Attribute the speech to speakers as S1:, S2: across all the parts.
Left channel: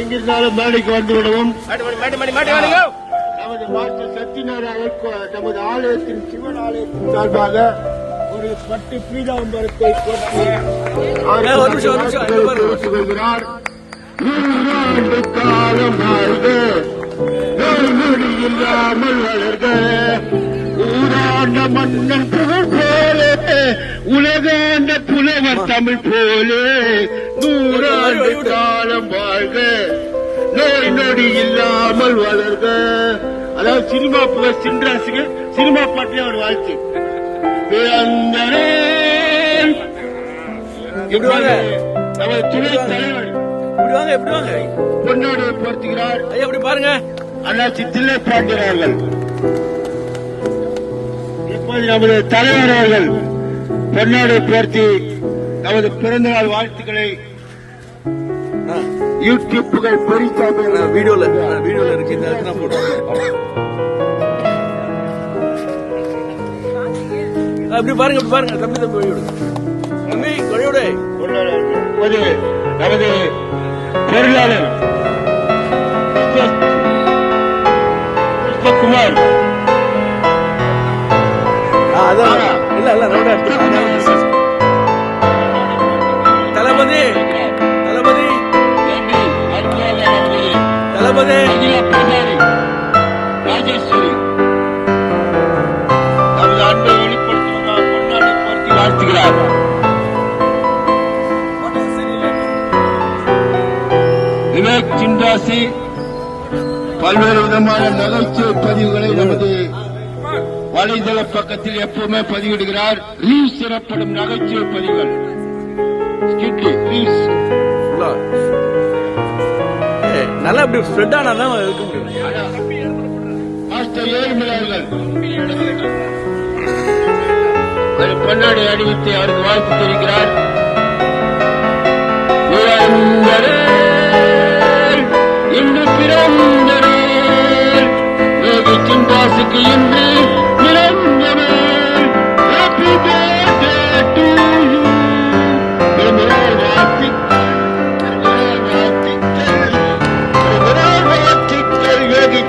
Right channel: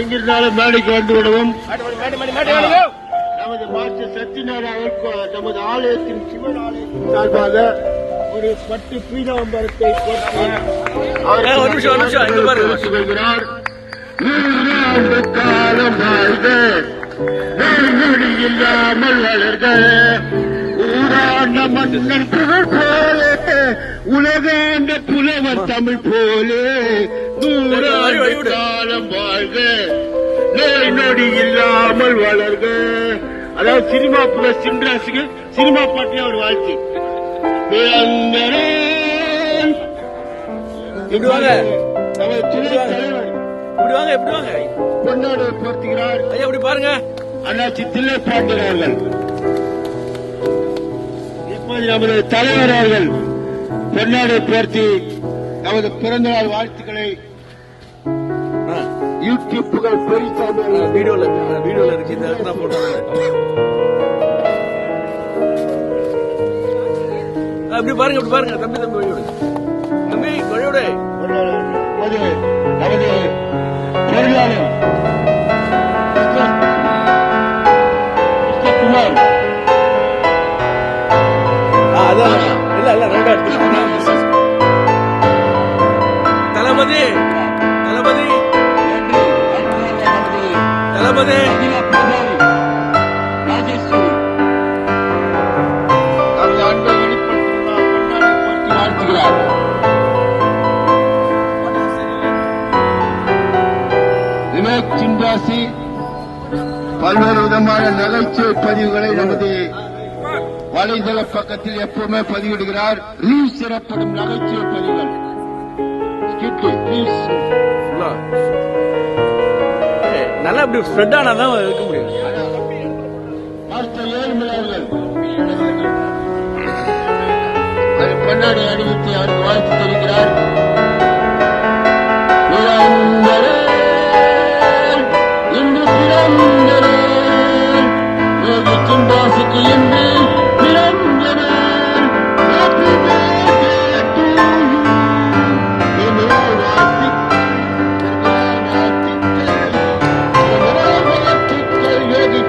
S1: எங்கிருந்தாலும் மேடைக்கு வந்து விடவும். நமது மாஸ்டர் சத்யநாராயண நமது ஆலயத்தின் சிவன் ஆலயத்தின் சார்பாக ஒரு பட்டு வருகிறார். நூறாண்டு காலம் வாழ்க நெறிமுடி இல்லாமல் வளர்க ஊராண்ட மன்னன் புகழ் போலே உலகாண்ட புலவர் தமிழ் போலே நூறாண்டு காலம் வாழ்க நோய் நொடி இல்லாமல் வளர்க அதாவது சினிமா பிளஸ் சின்ராசுக்கு சினிமா பாட்டிலே ஒரு வாழ்த்து பிறந்தனேன்
S2: இப்படி வாங்க.
S1: நமது துணைத் தலைவர்
S2: இப்படி வாங்க இப்படி வாங்க
S1: பொன்னோடு போர்த்துகிறார்
S2: ஐயா இப்படி பாருங்க
S1: அண்ணாச்சி தில்லை பாண்டியர்கள் நமது தலைவர் அவர்கள் பொன்னாடு போர்த்தி நமது பிறந்தநாள் வாழ்த்துக்களை
S2: ஆ,
S1: யூடியூப்புகள்
S2: ஆ,
S1: பொறித்தாமல்
S2: வீடியோல வீடியோல இருக்கு இந்த இடத்துல போட்டோ அப்படி பாருங்க இப்படி பாருங்க தம்பி தம்பி வழியோடு. தம்பி வழியோடு.
S1: நமது பொருளாளர் குமார்
S2: அதான். இல்ல இல்ல ரவுண்டா எடுத்து தளபதி தளபதி. தளபதி.
S1: விவேக் சின்ராசி பல்வேறு விதமான நகைச்சுவை பதிவுகளை நமது வலைதள பக்கத்தில் எப்பவுமே பதிவிடுகிறார் ரீல்ஸ் எனப்படும் நகைச்சுவை பதிவுகள்
S2: நல்லா இப்படி ஸ்ப்ரெட் ஆனாதான் இருக்க முடியும்.
S1: மாஸ்டர் ஏழுமலை அவர்கள் ஒரு பொன்னாடை அணிவித்து அவருக்கு வாழ்த்து தெரிவிக்கிறார்.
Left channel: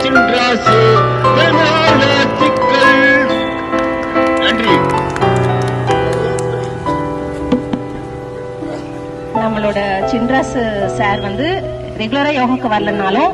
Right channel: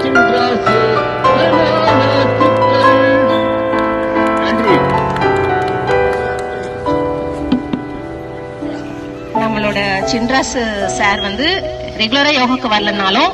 S1: சின்ராசு, நன்றி.
S3: நம்மளோட சின்ராசு சார் வந்து ரெகுலரா யோகாக்கு வரலனாலும்